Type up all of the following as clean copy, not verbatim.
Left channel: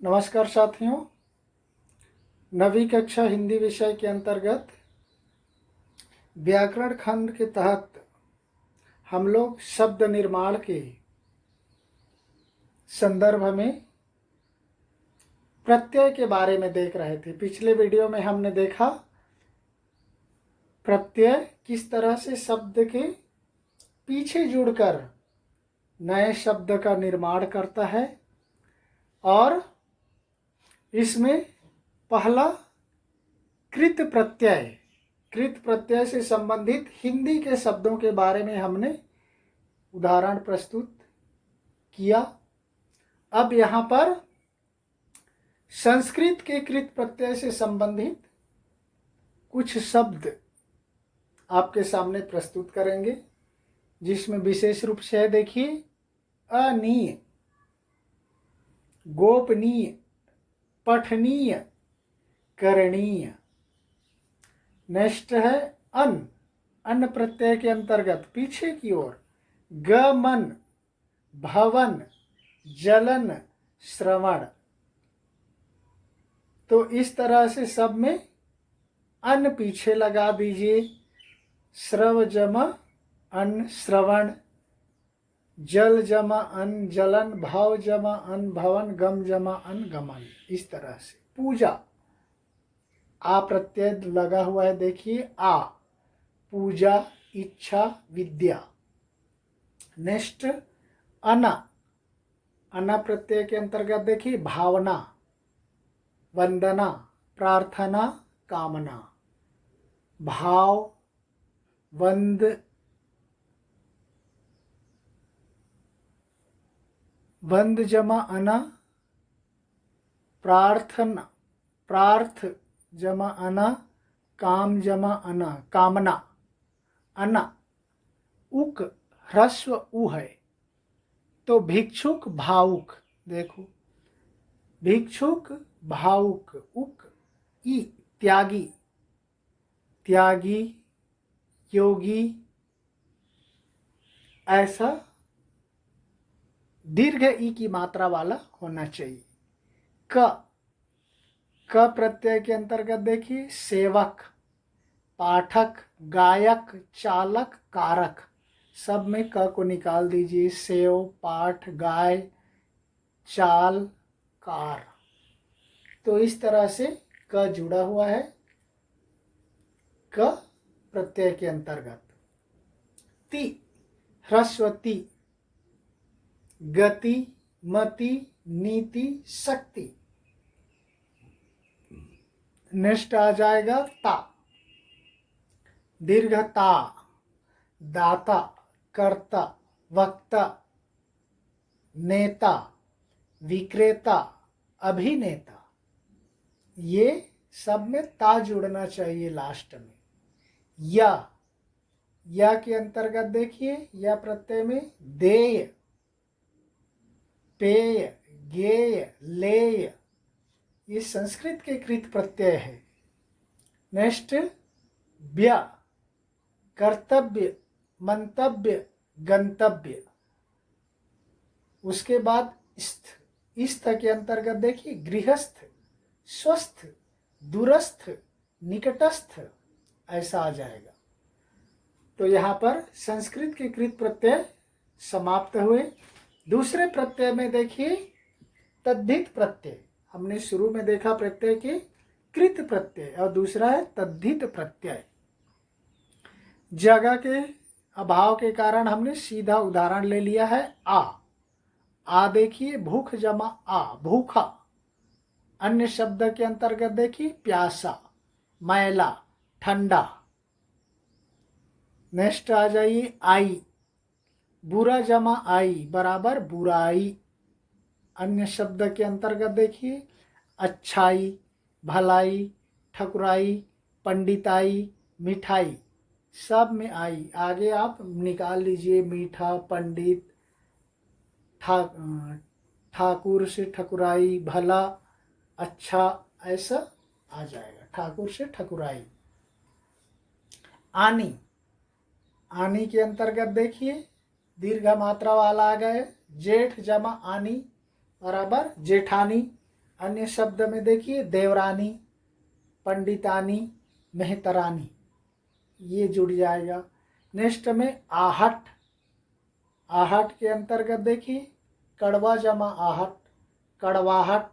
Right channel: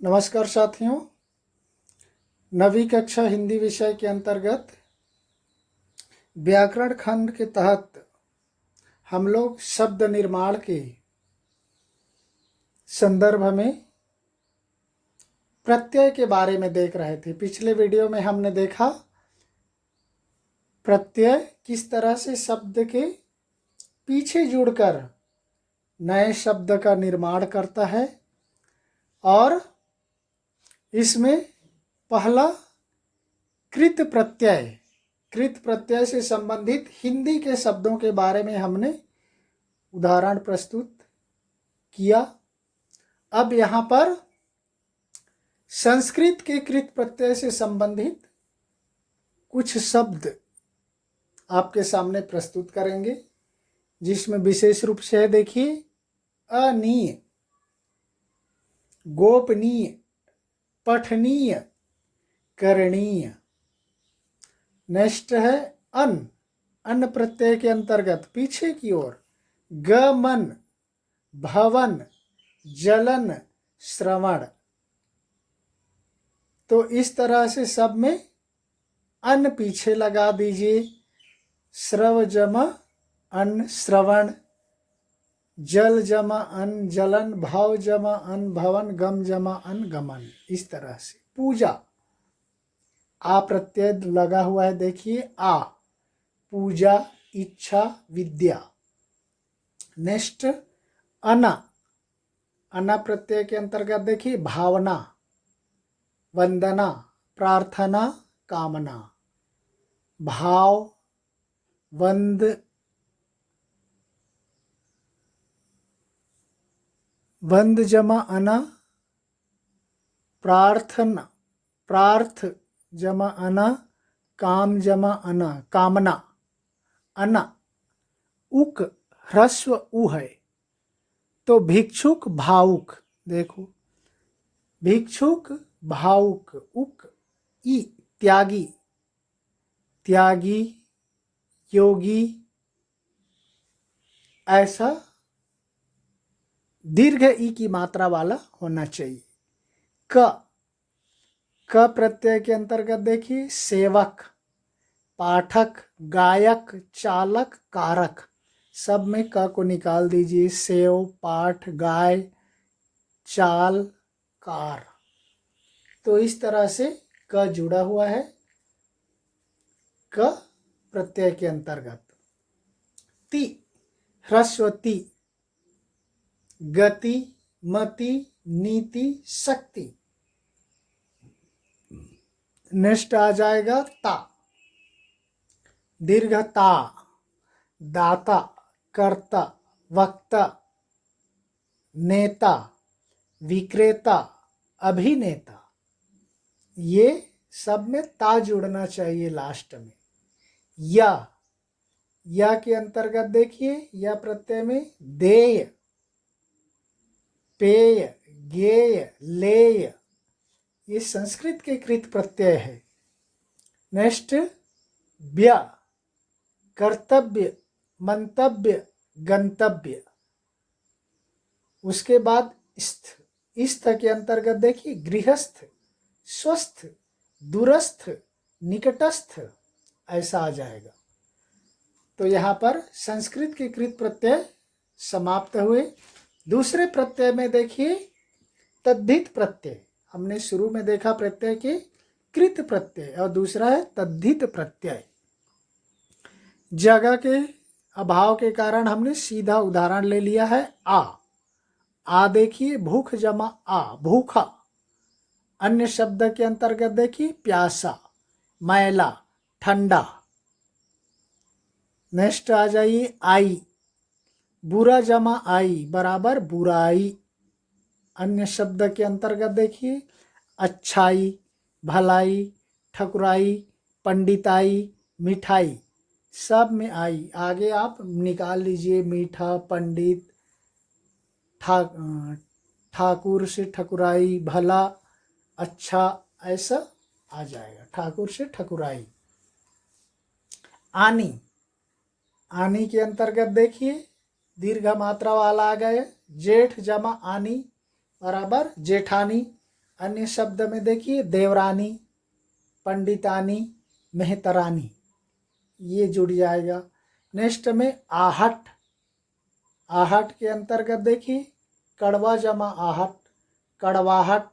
नमस्कार साथियों। नवी कक्षा हिंदी विषय के अंतर्गत व्याकरण खंड के तहत हम लोग शब्द निर्माण के संदर्भ में प्रत्यय के बारे में देख रहे थे। पिछले वीडियो में हमने देखा प्रत्यय किस तरह से शब्द के पीछे जुड़कर नए शब्द का निर्माण करता है और इसमें पहला कृत प्रत्यय से संबंधित हिंदी के शब्दों के बारे में हमने उदाहरण प्रस्तुत किया। अब यहाँ पर संस्कृत के कृत प्रत्यय से संबंधित कुछ शब्द आपके सामने प्रस्तुत करेंगे, जिसमें विशेष रूप से देखिए अनीय, गोपनीय, पठनीय, करणीय। नेक्स्ट है अन्न प्रत्यय के अंतर्गत पीछे की ओर गमन, भवन, जलन, श्रवण। तो इस तरह से सब में अन्न पीछे लगा दीजिए। श्रव जमा अन्न श्रवण, जल जमा अन्न जलन, भाव जमा अन्न भवन, गम जमा अन्न गमन। इस तरह से पूजा, आ प्रत्यय लगा हुआ है, देखिए आ, पूजा, इच्छा, विद्या। नेक्स्ट अना प्रत्यय के अंतर्गत देखिए भावना, वंदना, प्रार्थना, कामना। भाव, वंद जमा अना, प्रार्थना, प्रार्थ जमा अना, काम जमा अना, कामना। अना, उक ह्रस्व उ है, तो भिक्षुक, भावुक। देखो भिक्षुक, भावुक, उक ई, त्यागी, त्यागी, योगी। ऐसा दीर्घ ई की मात्रा वाला होना चाहिए। क प्रत्यय के अंतर्गत देखिए सेवक, पाठक, गायक, चालक, कारक। सब में क को निकाल दीजिए। सेव, पाठ, गाय, चाल, कार। तो इस तरह से क जुड़ा हुआ है क प्रत्यय के अंतर्गत। ति ह्रस्व ति, गति, मति, नीति, शक्ति। नेक्स्ट आ जाएगा ता, दीर्घ ता, दाता, कर्ता, वक्ता, नेता, विक्रेता, अभिनेता। ये सब में ता जुड़ना चाहिए लास्ट में। या के अंतर्गत देखिए या प्रत्यय में देय, पेय, गेय, लेय। ये संस्कृत के कृत प्रत्यय है। नेक्स्ट व्य, कर्तव्य, मंतव्य, गंतव्य। उसके बाद स्थ के अंतर्गत देखिए गृहस्थ, स्वस्थ, दूरस्थ, निकटस्थ। ऐसा आ जाएगा। तो यहाँ पर संस्कृत के कृत प्रत्यय समाप्त हुए। दूसरे प्रत्यय में देखिए तद्धित प्रत्यय। हमने शुरू में देखा प्रत्यय के कृत प्रत्यय और दूसरा है तद्धित प्रत्यय। जगह के अभाव के कारण हमने सीधा उदाहरण ले लिया है आ देखिए भूख जमा आ, भूखा। अन्य शब्द के अंतर्गत देखिए प्यासा, मैला, ठंडा। नेक्स्ट आ जाइए आई, बुरा जमा आई बराबर बुराई। अन्य शब्द के अंतर्गत देखिए अच्छाई, भलाई, ठकुराई, पंडिताई, मिठाई। सब में आई। आगे आप निकाल लीजिए मीठा, पंडित, ठाकुर से ठकुराई, भला, अच्छा, ऐसा आ जाएगा। ठाकुर से ठकुराई। आनी के अंतर्गत देखिए दीर्घ मात्रा वाला आ गया जेठ जमा आनी बराबर जेठानी। अन्य शब्द में देखिए देवरानी, पंडितानी, मेहतरानी, ये जुड़ जाएगा। नेक्स्ट में आहट, आहट के अंतर्गत देखिए कड़वा जमा आहट, कड़वाहट।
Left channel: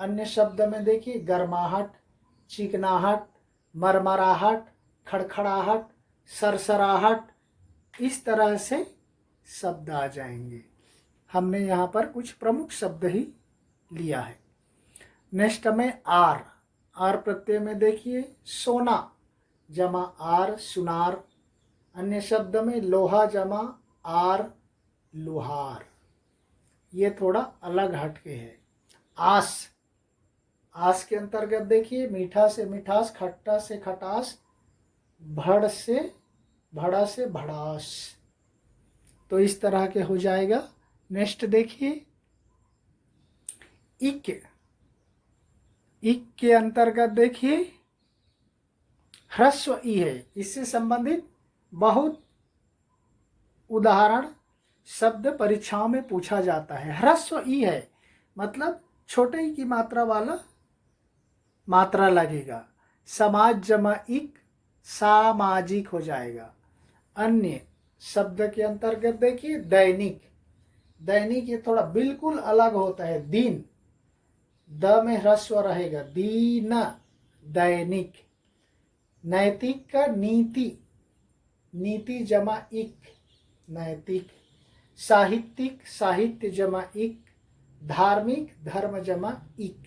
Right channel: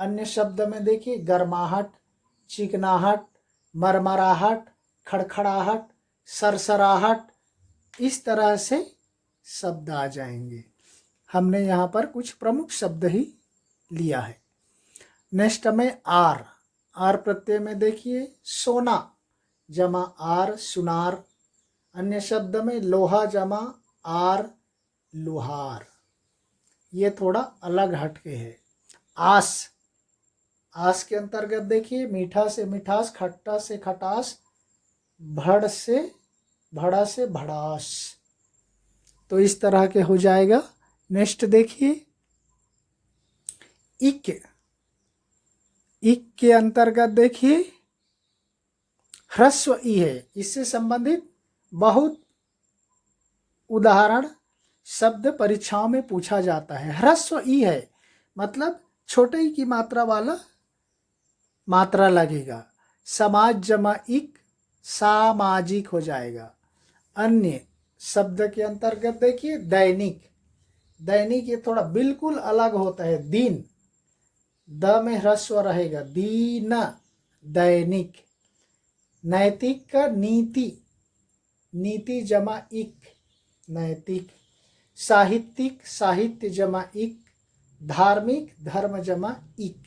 अन्य शब्द में देखिए गर्माहट, चिकनाहट, मरमराहट, खड़खड़ाहट, सरसराहट, इस तरह से शब्द आ जाएंगे। हमने यहाँ पर कुछ प्रमुख शब्द ही लिया है। नेक्स्ट में आर, आर प्रत्यय में देखिए सोना जमा आर, सुनार। अन्य शब्द में लोहा जमा आर, लोहार, ये थोड़ा अलग हटके है। आस, आस के अंतर्गत देखिए मीठा से मिठास, खट्टा से खटास, भड़ से भड़ा से भड़ास, तो इस तरह के हो जाएगा। नेक्स्ट देखिए इक, इक के अंतर्गत देखिए ह्रस्व ई है, इससे संबंधित बहुत उदाहरण शब्द परीक्षाओं में पूछा जाता है। ह्रस्व ई है मतलब छोटे ई की मात्रा वाला मात्रा लगेगा। समाज जमा इक, सामाजिक हो जाएगा। अन्य शब्द के अंतर्गत देखिए दैनिक, दैनिक ये थोड़ा बिल्कुल अलग होता है। दिन, द में ह्रस्व रहेगा, दीन, दैनिक। नैतिक का नीति, नीति जमा इक, नैतिक। साहित्यिक, साहित्य जमा इक। धार्मिक, धर्म जमा इक।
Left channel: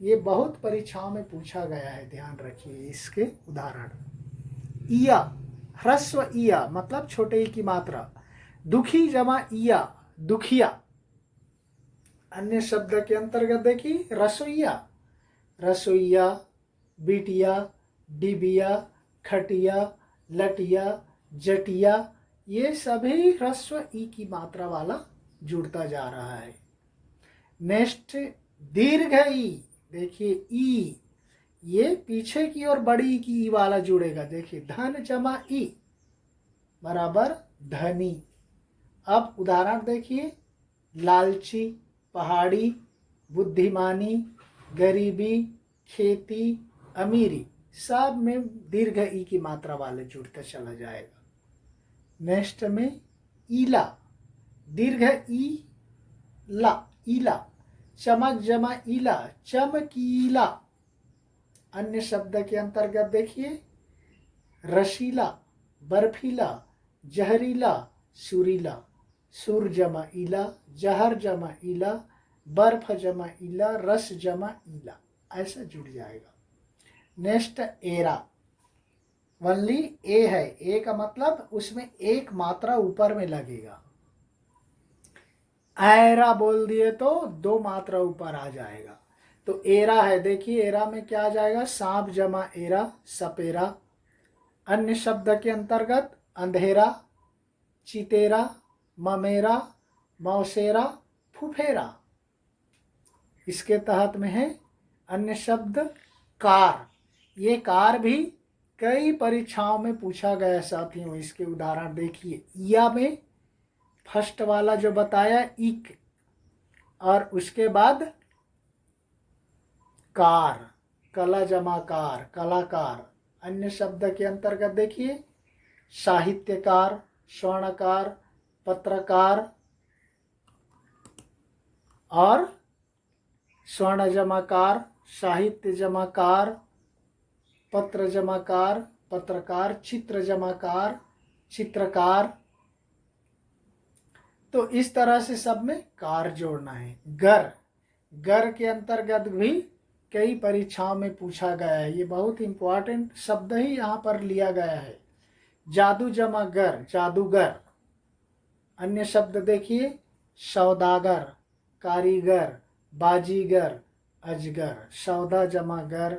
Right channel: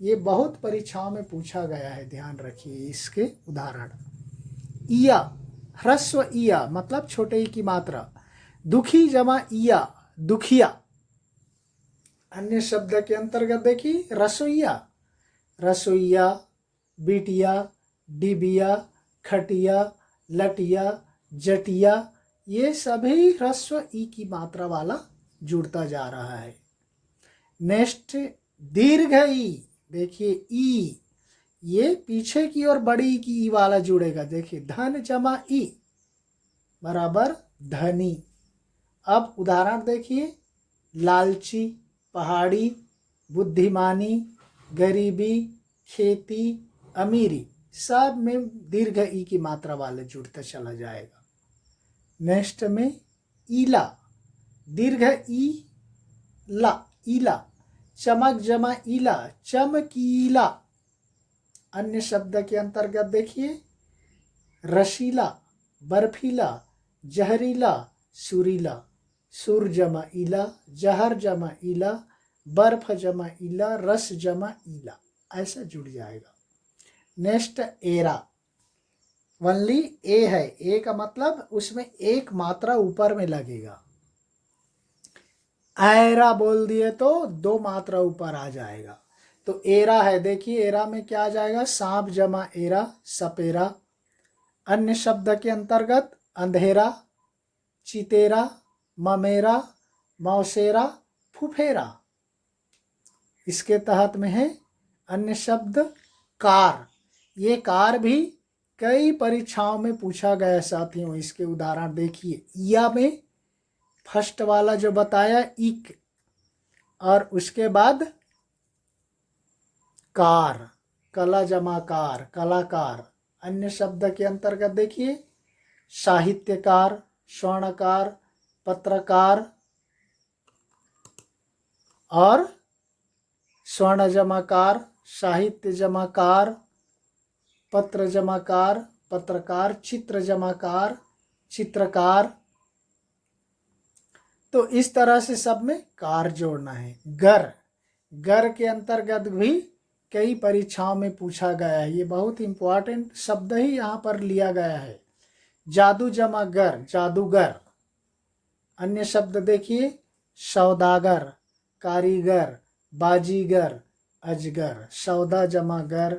ये बहुत परीक्षाओं में पूछा गया है, ध्यान रखिए इसके उदाहरण। इया, ह्रस्व इया मतलब छोटे ई की मात्रा। दुखी जमा इया, दुखिया। अन्य शब्द के अंतर्गत देखिए रसोईया, रसोईया, बिटिया, डिबिया, खटिया, लटिया, जटिया, ये सभी ह्रस्व ई की मात्रा वाला जुड़ता जा रहा है। नेक्स्ट दीर्घ ई, देखिए ई, ये पीछे की और बड़ी की ई वाला जुड़ेगा। देखिए धन जमा ई बराबर धनी। अब उदाहरण देखिए लालची, पहाड़ी, बुद्धिमानी, गरीबी, खेती, अमीरी, सब में दीर्घ ई की मात्रा वाले जुड़ता चला जाएगा। नेक्स्ट में ईला, दीर्घ ई ला, ईला। चमक जमा ईला, चमकीला। अन्य शब्द के अंतर्गत देखिए रशीला, बर्फीला, जहरीला, सुरीला। सुर जमा ईला, जहर जमा ईला, बर्फ जमा ईला, रस जमा ईला, ऐसा जुड़ जाएगा। नेक्स्ट एरा, वनली ए है, ए का मतलब उसमें एक मात्रा ऊपर में लगेगा। ऐरा बोल दिए तो दो मात्रा ऊपर आ जाएगा। तो एरा है, देखिए एरा में क्या आ जाएगा, सांप जमा एरा, सपेरा। अन्य शब्द के अंतर्गत अंधेरा, चितेरा, ममेरा, मौसेरा, फुफेरा। इसके तहत में है अन्य शब्द कार, ये कार भी कई परीक्षाओं में पूछा गया साथियों। इसके उदाहरण देखिए या में फर्स्ट वाला जो बताया इक, और उसके बाद कार, कला जमा कार, कलाकार। अन्य शब्द के अंतर्गत देखिए साहित्यकार, स्वर्णकार, पत्रकार, और स्वर्ण जमाकार, साहित्य जमाकार, पत्र जमाकार, पत्रकार, चित्र जमाकार, चित्रकार। तो इस तरह से सब में कार जोड़ना है। गर, गर के अंतर्गत भी कई परीक्षाओं में पूछा गया है, ये बहुत इंपॉर्टेंट शब्द ही यहाँ पर लिया गया है। जादू जमा गर, जादूगर। अन्य शब्द देखिए सौदागर, कारीगर, बाजीगर, अजगर। सौदा जमा गर,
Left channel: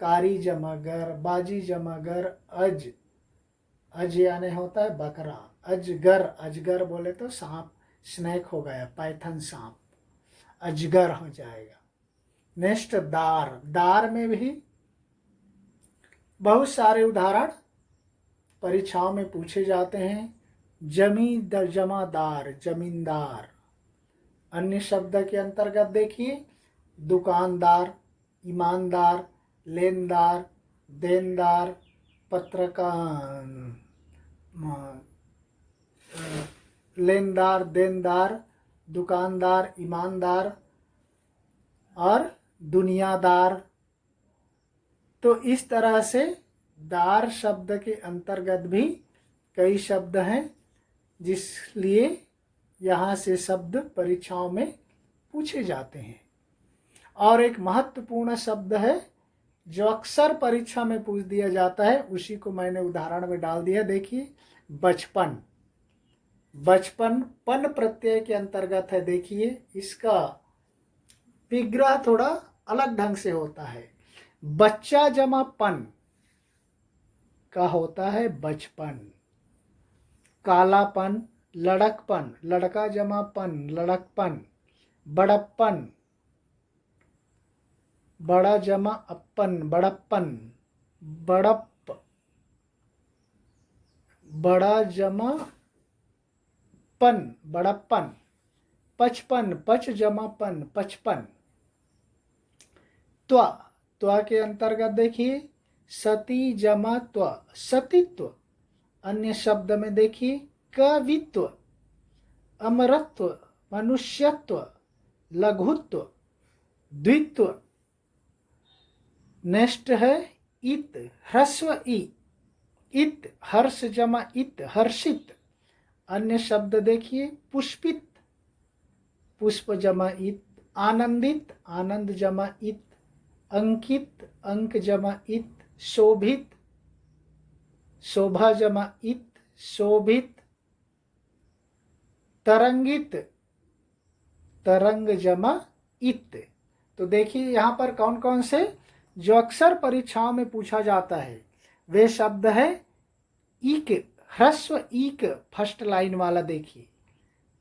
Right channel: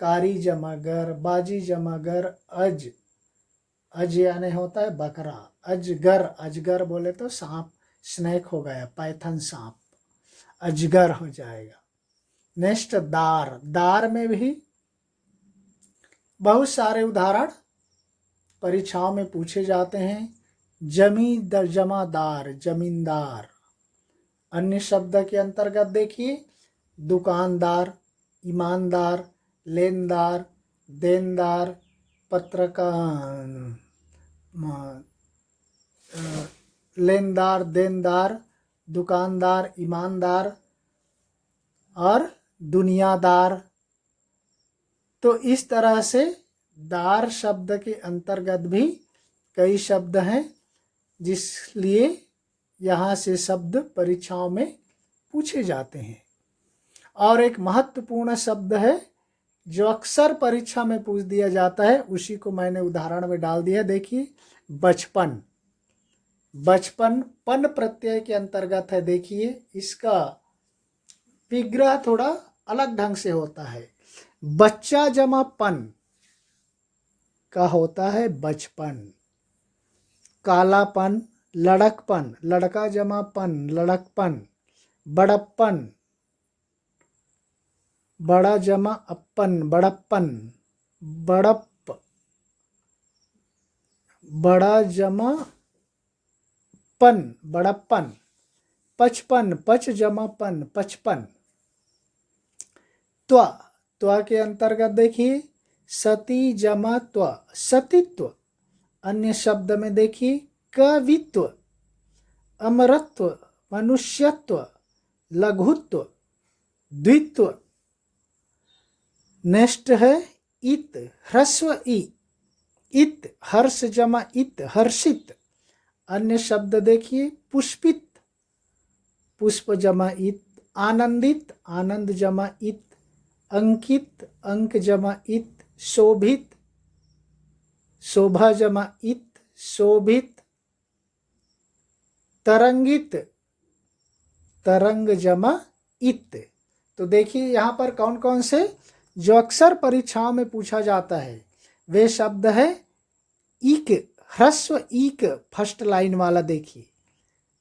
कारी जमा गर, बाजी जमा गर, अज, अज यानी होता है बकरा। अजगर, अजगर बोले तो सांप, स्नेक हो गया, पाइथन सांप, अजगर हो जाएगा। नेक्स्ट दार, दार में भी बहुत सारे उदाहरण परीक्षाओं में पूछे जाते हैं। जमींदार जमादार, जमींदार। अन्य शब्द के अंतर्गत देखिए दुकानदार, ईमानदार, लेनदार, देनदार, पत्रकार, लेनदार, देनदार, दुकानदार, ईमानदार और दुनियादार। तो इस तरह से दार शब्द के अंतर्गत भी कई शब्द हैं, जिसलिए यहाँ से शब्द परीक्षाओं में पूछे जाते हैं। और एक महत्वपूर्ण शब्द है जो अक्सर परीक्षा में पूछ दिया जाता है, उसी को मैंने उदाहरण में डाल दिया। देखिए, बचपन। बचपन पन प्रत्यय के अंतर्गत है। देखिए, इसका विग्रह थोड़ा अलग ढंग से होता है। बच्चा जमा पन का होता है बचपन। कालापन, लड़कपन, लड़का जमा पन, लड़कपन। बड़प्पन, बड़ा जमा अपन, बड़प्पन। बड़प्प, बड़ा जमा पन, बड़प्पन। पचपन, पच जमा पन, पचपन। त्वा, त्वा के अंतर्गत देखिए सती जमा त्वा, सतीत्व। अन्य शब्द में देखिए कवित्व, अमरत्व, मनुष्यत्व, लघुत्व, द्वित्व। नेक्स्ट है इत, ह्रस्व ई, इत, हर्ष जमा इत, हर्षित। अन्य शब्द देखिए पुष्पित, पुष्प जमा इत, आनंदित, आनंद जमा इत, अंकित, अंक जमा इत, शोभित, शोभा जमा इत, शोभित। तरंगित, तरंग जमा इत। तो देखिए यहाँ पर कौन कौन से जो अक्सर परीक्षाओं में पूछा जाता है वे शब्द है। ईक, ह्रस्व ईक, फर्स्ट लाइन वाला देखिए।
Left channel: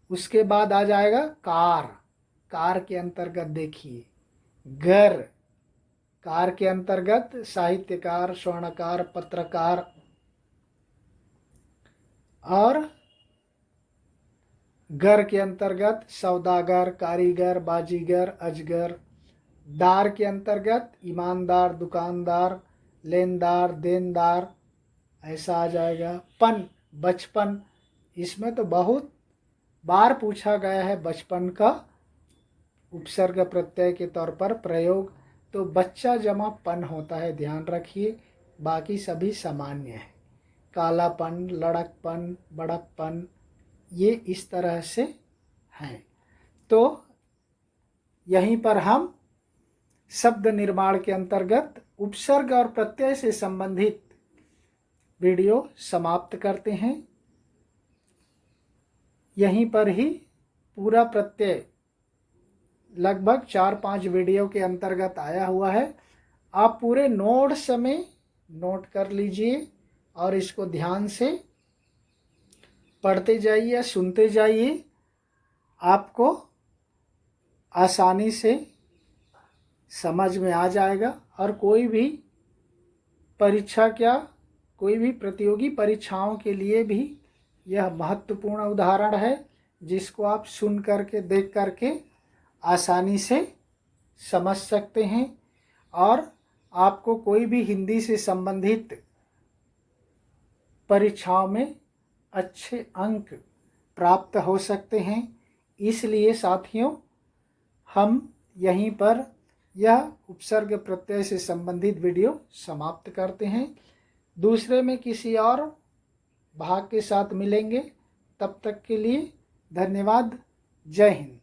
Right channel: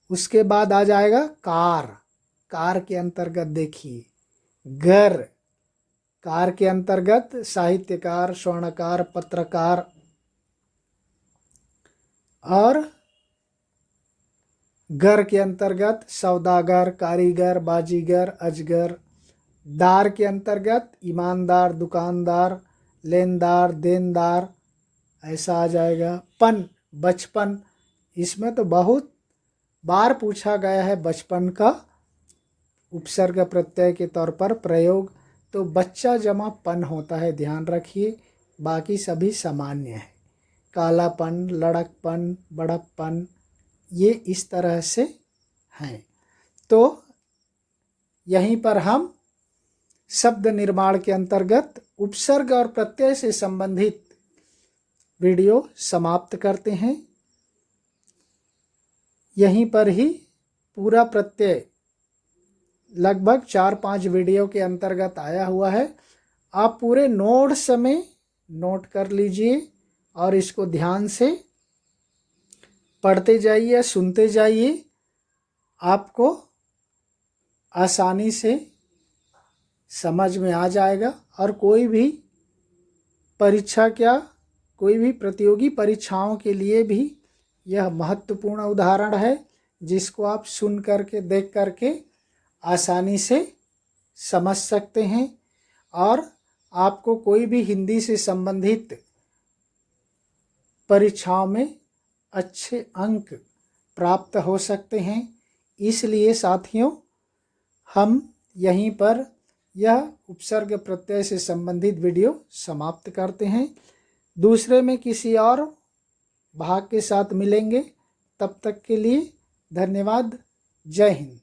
उसके बाद आ जाएगा कार, कार के अंतर्गत देखिए घर, कार के अंतर्गत साहित्यकार, स्वर्णकार, पत्रकार। और घर के अंतर्गत सौदागर, कारीगर, बाजीगर, अजगर। दार के अंतर्गत ईमानदार, दुकानदार, लेनदार, देनदार, ऐसा आ जाएगा। पन, बचपन, इसमें तो बहुत बार पूछा गया है बचपन का उपसर्ग प्रत्यय के तौर पर प्रयोग। तो बच्चा जमा पन होता है, ध्यान रखिए। बाकी सभी सामान्य है। कालापन, लड़कपन, बड़प्पन, ये इस तरह से हैं। तो यहीं पर हम शब्द निर्माण के अंतर्गत उपसर्ग और प्रत्यय से संबंधित वीडियो समाप्त करते हैं। यहीं पर ही पूरा प्रत्यय लगभग 4-5 वीडियो के अंतर्गत आया हुआ है। आप पूरे नोट्स में नोट कर लीजिए और इसको ध्यान से पढ़ते जाइए, सुनते जाइए। आपको आसानी से समझ में आ जाएगा। और कोई भी परीक्षा क्या, कोई भी प्रतियोगी परीक्षाओं के लिए भी यह महत्वपूर्ण उदाहरण है, जिसको आप सुन करके, देख करके आसानी से समझ सकते हैं। और आपको कोई भी हिंदी से संबंधित परीक्षाओं में अच्छे अंक प्राप्त हो सकते हैं। इसलिए साथियों, हम यहीं पर यह उपसर्ग प्रत्यय से संबंधित वीडियो समाप्त करते हैं। दूसरे में किसी और भाग के साथ मिलेंगे। तब तक के लिए धन्यवाद। जय हिंद।